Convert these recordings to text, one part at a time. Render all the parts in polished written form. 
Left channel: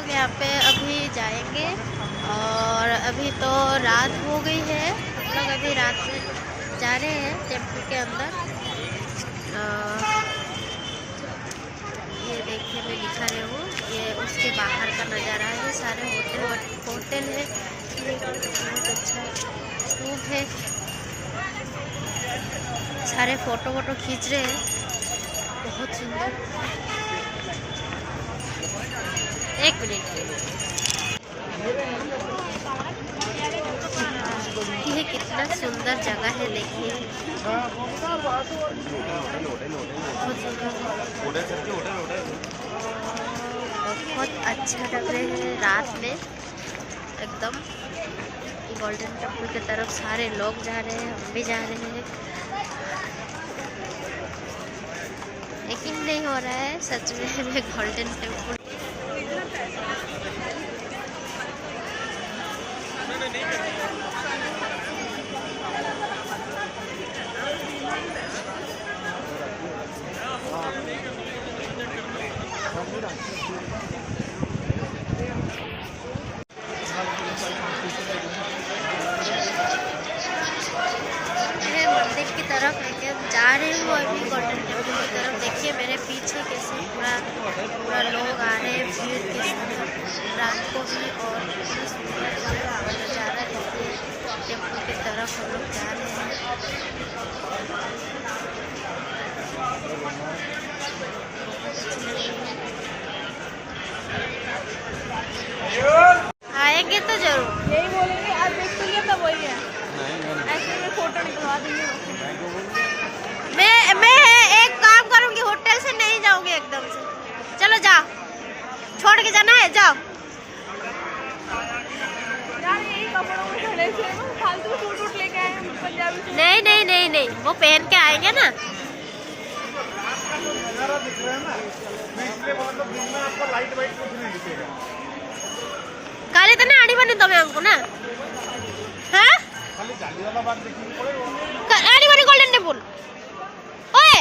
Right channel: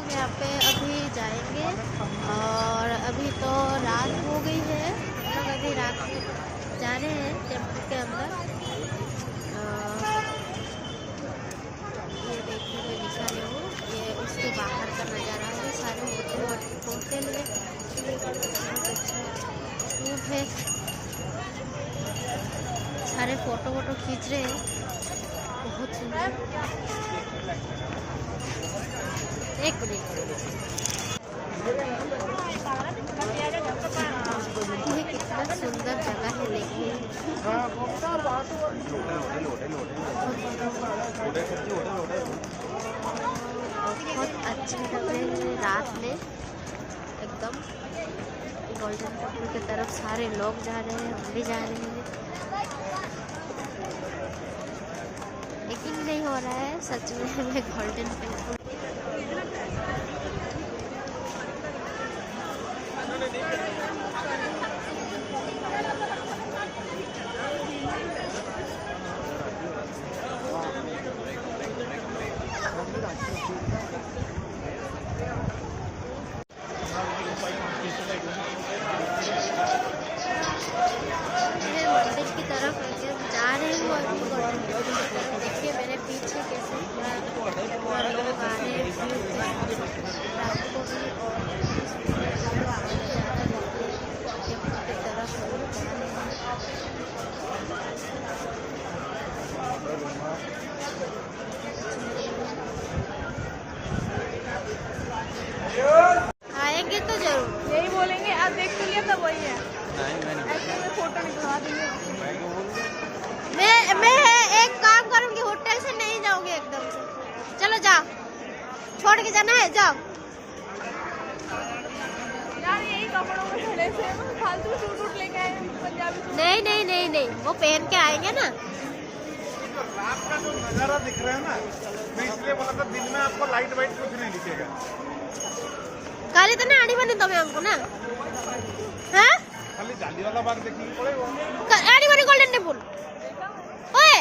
लोग यहाँ पे अभी जाएंगे और अभी तो रात हो गई है। हम लोग अभी रात में जा रहे हैं टेम्पल के अंदर। ये देखिए मैं दिखा रही हूँ, ये उसके बाहर का नज़ारा है। ये सारे होटल है। बहुत अच्छा स्तूप है। सारे फोटो खींच रहे हैं, बहुत सुंदर। एक मिनट, ये कितना सुंदर जगह है, देखिए बहुत अच्छा लग रहे हैं रात में एकदम। गोल्डन टेम्पल की तरफ सारे लोग जा रहे हैं, हम भी जा रहे हैं। यकीन नहीं हो रहा है सच में मैं गोल्डन टेम्पल। मंदिर की तरफ जा रही हूँ अभी, गोल्डन टेम्पल की तरफ। देखिए मेरे पीछे कैसे पूरा लोग आ रहे हैं, भीड़ के रात को भी। और सुंदर नज़ारा देखिए, टेम्पल की तरफ हम लोग जा रहे हैं। आएंगे तो जरूर, यही बोलेंगे। आज देख तो लिया था, वही है। ऐसे में फोटो निकलवा देंगे। मैं एक काम करूंगी, होटल से नहीं जाऊंगी एकदम से। चलो जाओ, छोड़ के जाना है, जाओ। नहीं, वो पहन के आएंगे ना। रात का जो नजारा दिख रहा है ना, मैं इसलिए बोला था दिन में आपको लाइट वाइट कुछ नहीं दिखेगा। काली तो ना आनी बनी तुम्हें हमको ना, हाँ खाली जाली वाला बाग देखने पड़ेगा। आनी बनी गोल्डन टेम्पल। ओए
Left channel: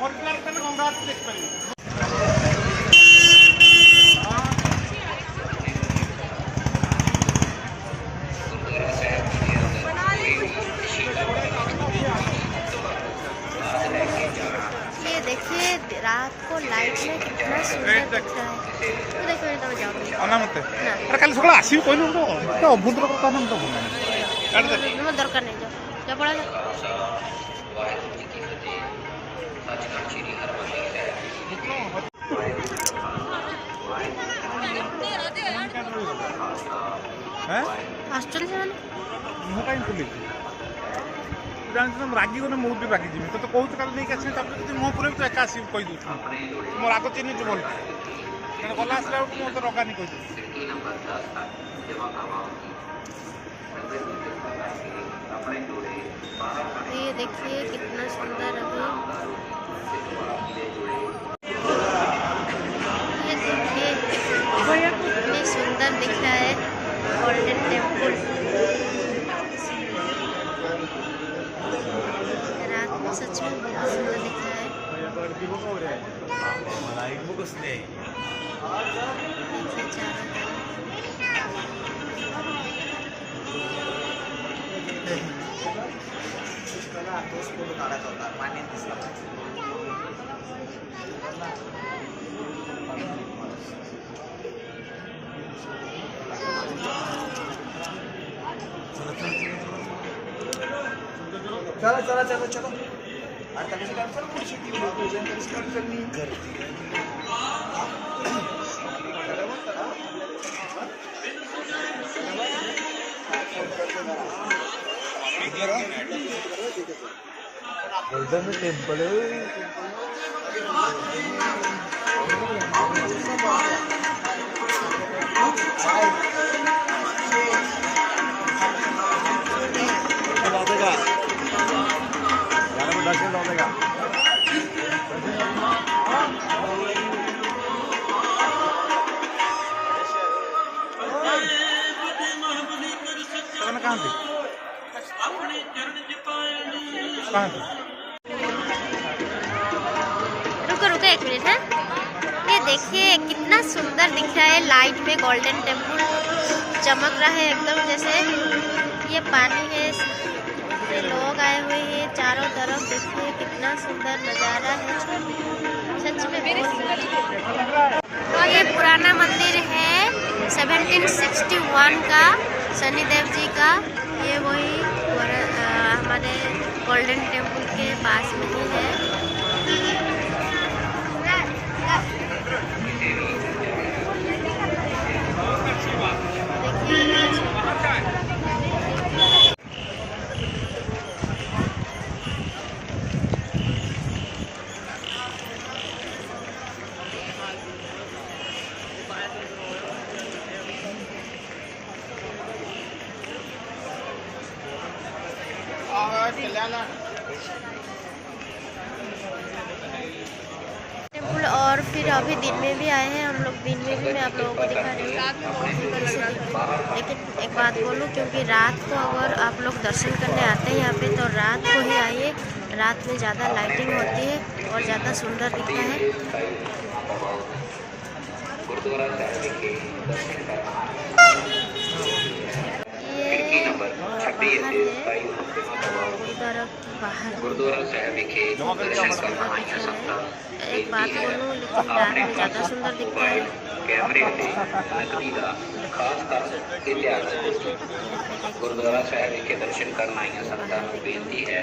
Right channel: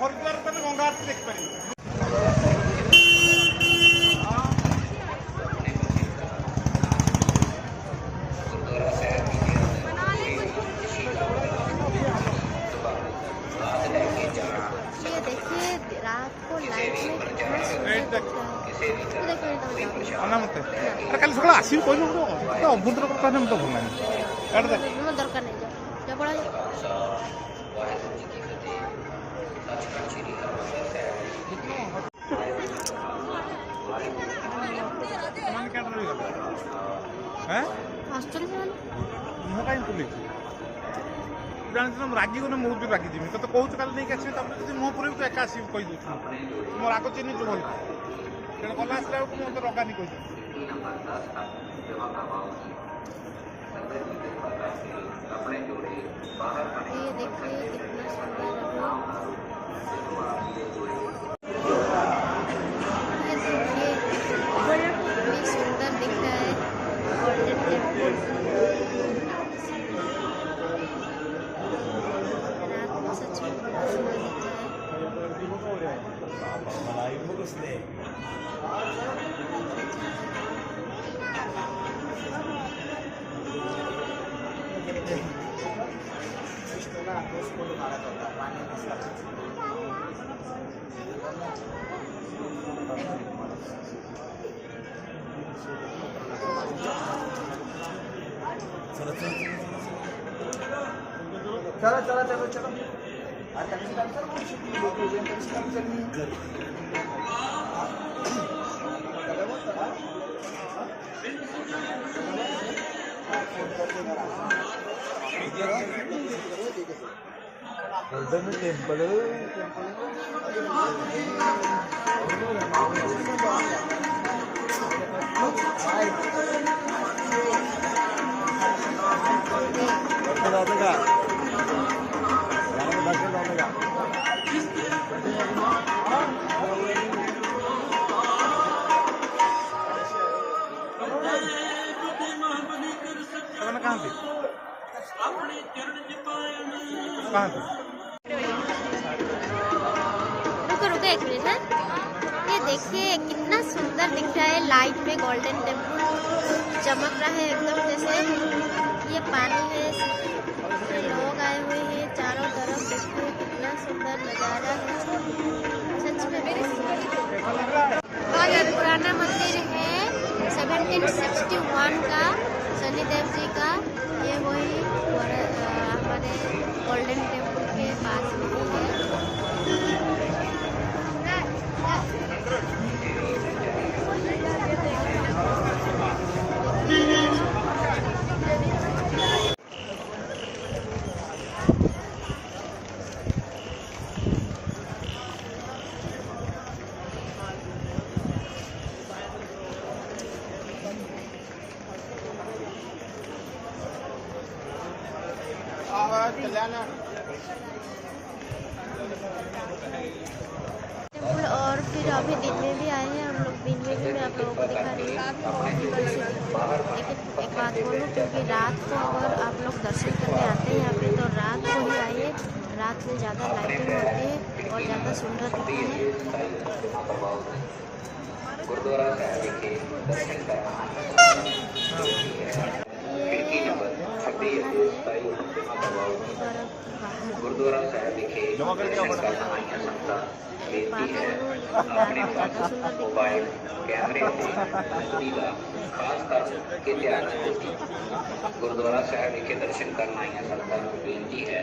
होटल तो मैं गंगा देख पाई। देखिए रात को लाइट में कितना सुंदर दिख रहा है। तो देखो तब जाऊंगी ना, कल सकाळ आसिबि कहलु तो अभद्र କଥା ना तो भल नहीं दरकार नहीं, जाओ जा पड़ा जा। हॉस्टल से वाले मैं काई पुलिस तुम रागी गने मुझे रागी जी तो कहूँ कल नहीं आस मो पूरे तो एका आस कही तुम राग चिन्ह तो भल गला आसला मत रगानी कही। ये देखिए कितना सुंदर अभी, ये देखिए कितनी सुंदर दिख रहा है गोल्डन टेम्पल। रात में सच में बहुत सुंदर दिख रहा है। देखिए चारों चला चला चलो चलो आता किसी काम चलो कुछ की लोग हो जाए किसी काम करनी घर चला वो चला उधर में टेंपल है। दर्शन होगा कहाँ रुको एक मिनट है। ये देखिए कितना सुंदर दिख रहा है, लाइट में गोल्डन टेम्पल चमक रहा है एकदम जैसे। ये पानी है, ये लोग आए हुए हैं चारों तरफ, देखिए कितना सुंदर नज़ारा है, सच में बहुत सुंदर। ये पुराना मंदिर है 1761 का, शनिदेव जी का। ये वही हमारे गोल्डन टेम्पल के पास में ही है। टेम्पल और फिर अभी दिन में भी आए हैं हम लोग, दिन में भी मैं आप लोगों को दिखा रही हूँ कैसे। लेकिन एक बात बोलूँ, क्योंकि रात को अगर आप लोग दर्शन करने आते हैं यहाँ पे तो रात को ही आइए, रात में ज़्यादा लाइटिंग होती है और ज़्यादा सुंदर दिखता है। ये बाहर है, गुरुद्वारा साहिब विखे दर्शन करना है। एक बात बोलूँ, लेकिन रात में ज़्यादा सुंदर दिखता है। गुरुद्वारा साहिब विखे दर्शन करना ही संगत ਨੂੰ ਬੇਨਤੀ ਹੈ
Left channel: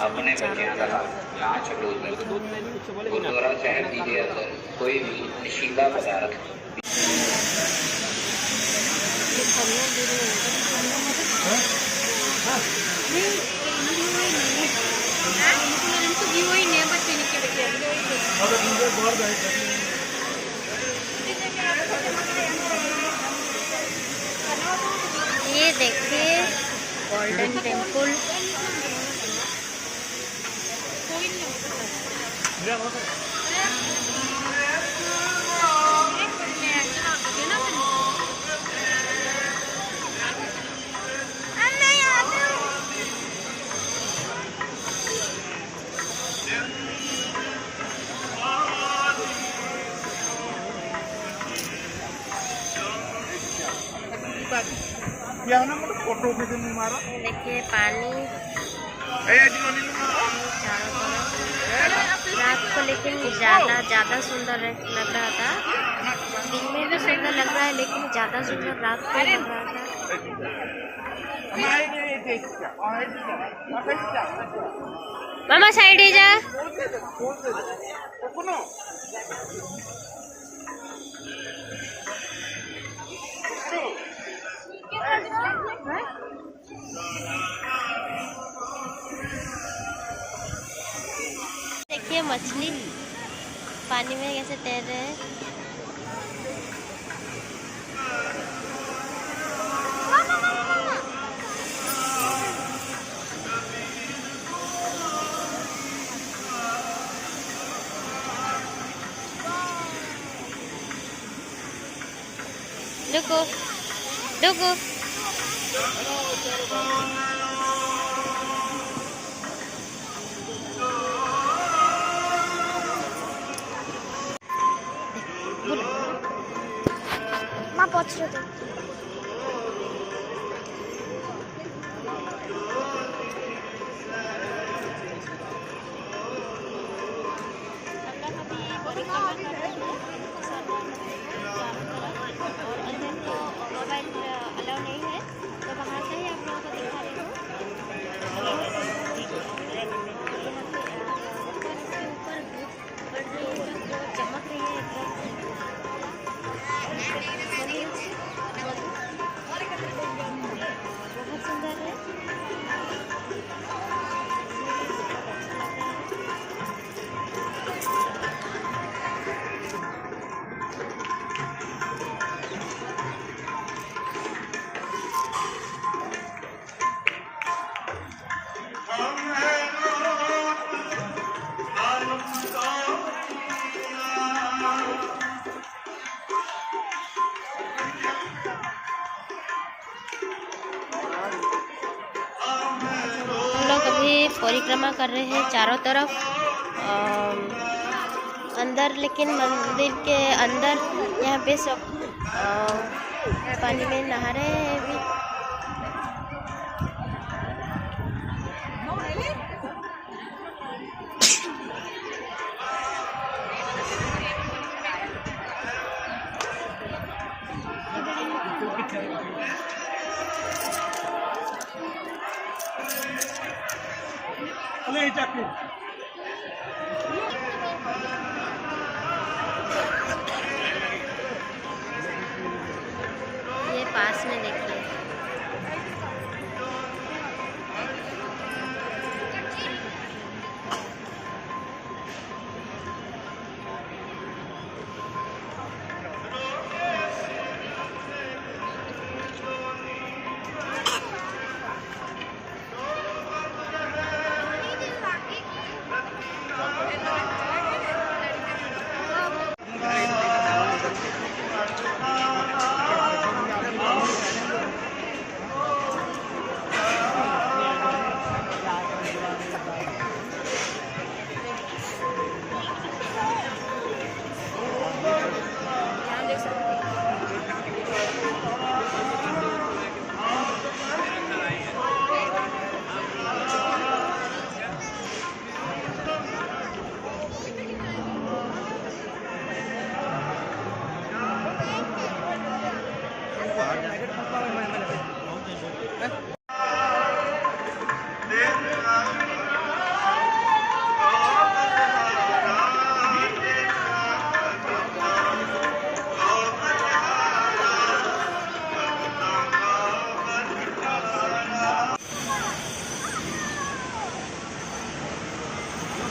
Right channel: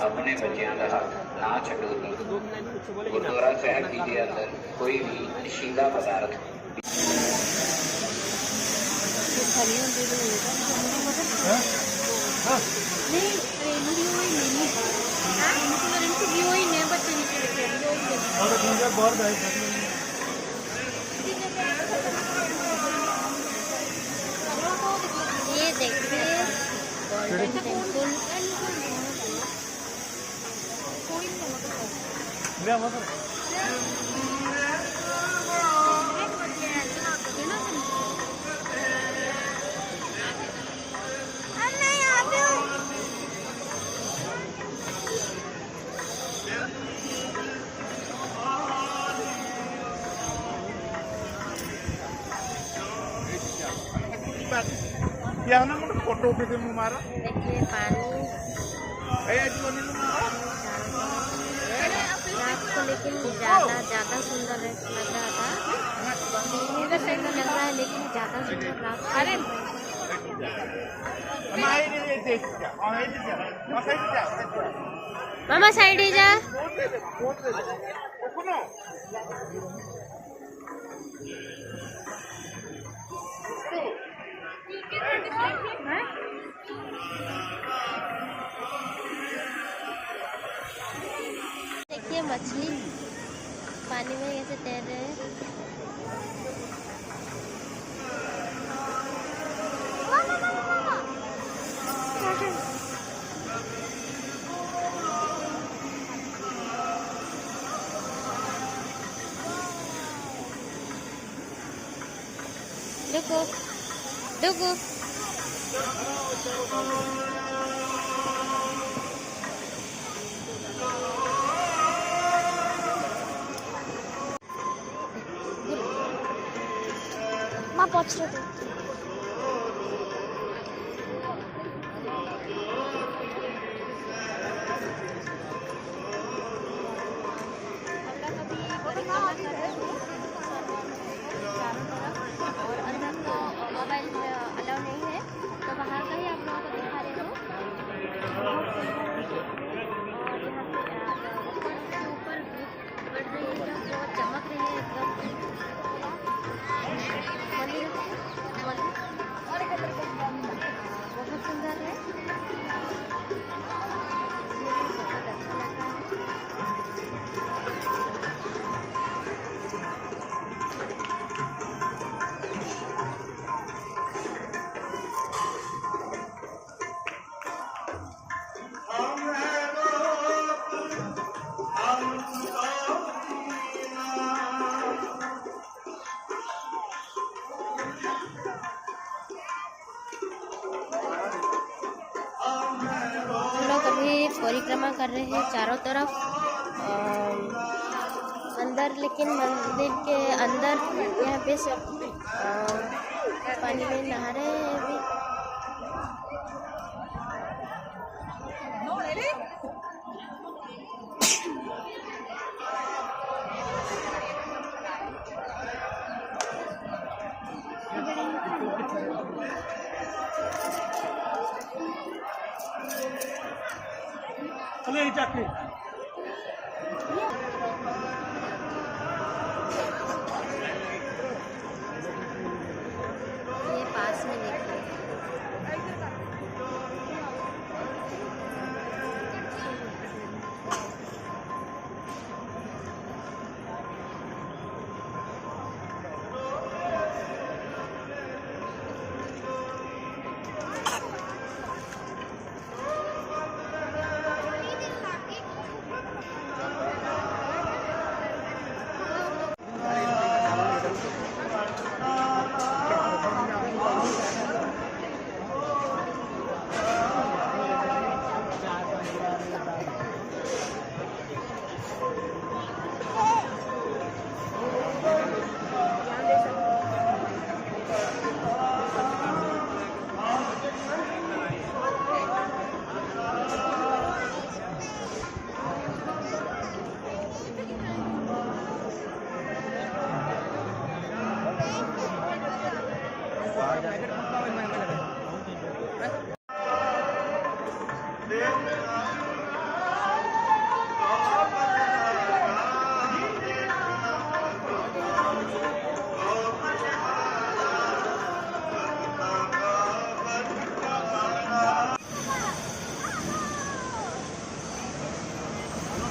ਆਪਣੇ ਬੱਚਿਆਂ ਦਾ ਨਾ ਛੱਡੋ। ਗੁਰਦੁਆਰਾ ਸਾਹਿਬ ਜੀ ਦੇ ਅੰਦਰ ਕੋਈ ਵੀ ਨਸ਼ੀਲਾ ਪਦਾਰਥ ये देखिए गोल्डन टेम्पल। फोटो मारो, देखिए पानी चारों तरफ रात को, लेकिन ज़्यादा सुंदर लग रहा था। दिन में भी सुंदर लग रहा है, लेकिन ज़्यादा सुंदर रात को लग रहा था। मामा साइड ही जा। देखिए मछली पानी में कैसे तैर रहे हैं। रुको रुको। माँ पूछ रहे थे। परिक्रमा कर रहे हैं चारों तरफ, और अंदर तो मोबाइल अलाउ नहीं है, तो बाहर का ही आप लोगों को दिखा रही हूँ। बहुत सुंदर है, और यहाँ पे ऊपर उसके ऊपर धूप पड़ रही है, एकदम बहुत चमक रही है एकदम। बहुत सुंदर है, बहुत अच्छा लग रहा है। हम लोग अभी परिक्रमा कर रहे हैं चारों तरफ। अंदर, लेकिन मंदिर के अंदर यहाँ पे सब पानी में नहा रहे हैं अभी। ये पास में देखिए,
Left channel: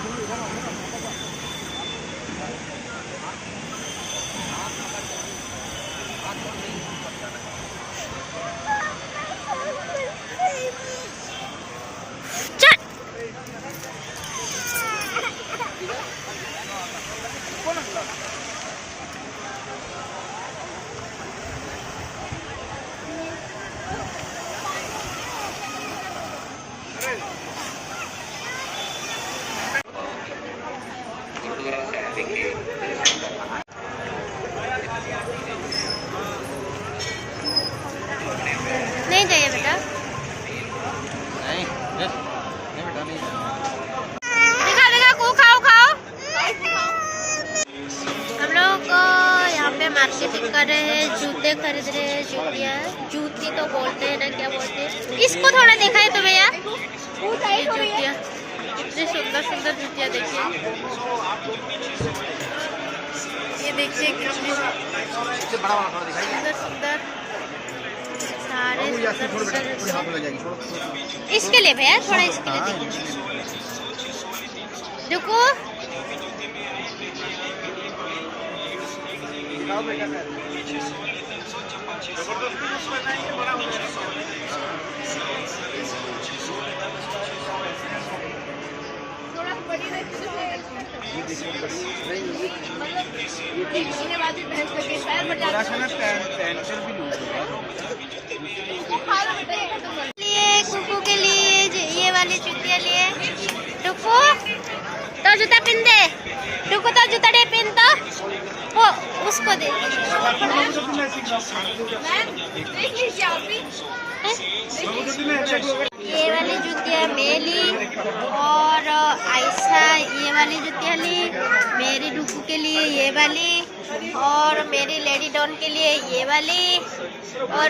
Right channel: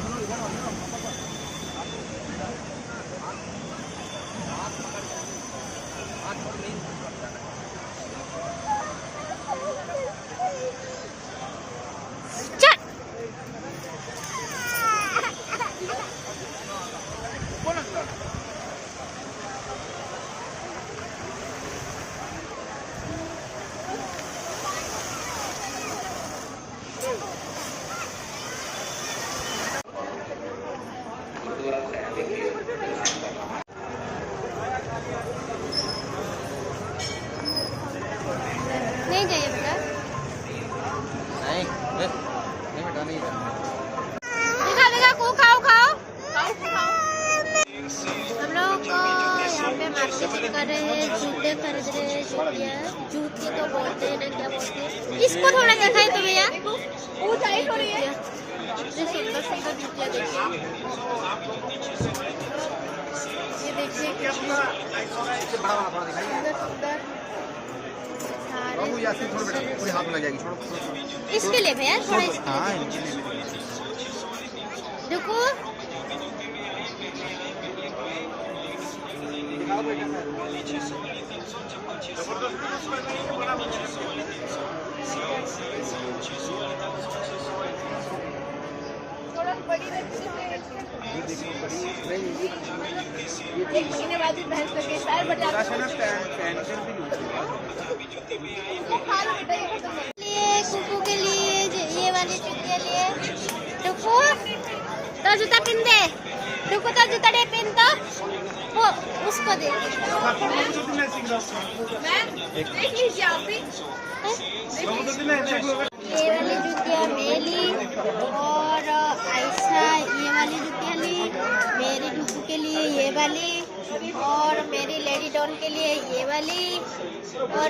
गुरुद्वारा साहिब विखे नहीं जाइए बेटा, देखा देखा को खाओ खाओ। हम लोग यहाँ पे मार्केटिंग कर रहे हैं, जूते खरीद रहे हैं, जूतियाँ, जूती तो बोलते हैं ना, क्या बोलते हैं इसको, थोड़ा देखा है तुम्हें यार, ये जूतियाँ कितनी सुंदर सुंदर जूतियाँ देखिए, ये देखिए कितनी सुंदर सुंदर, सारे सुंदर सुंदर। इसके लिए भैया थोड़ा इसके लिए देखिए, देखो थोड़ा बड़ी रहती है, ये वाली भैंस का केस है, बट लिए कुकू के लिए ये वाली जूतियाँ लिए। टुकू तो जूता पहन दे, टुकू तो जूता दे पहन, तो वो उसको दे। देख लीजिए आप भी, ये वाली जूतियाँ मैं ली, और आयशा ये वाली जूतियाँ ली, मेरी डुकू के लिए ये वाली, और मेरी लेडी डॉन के लिए ये वाली, और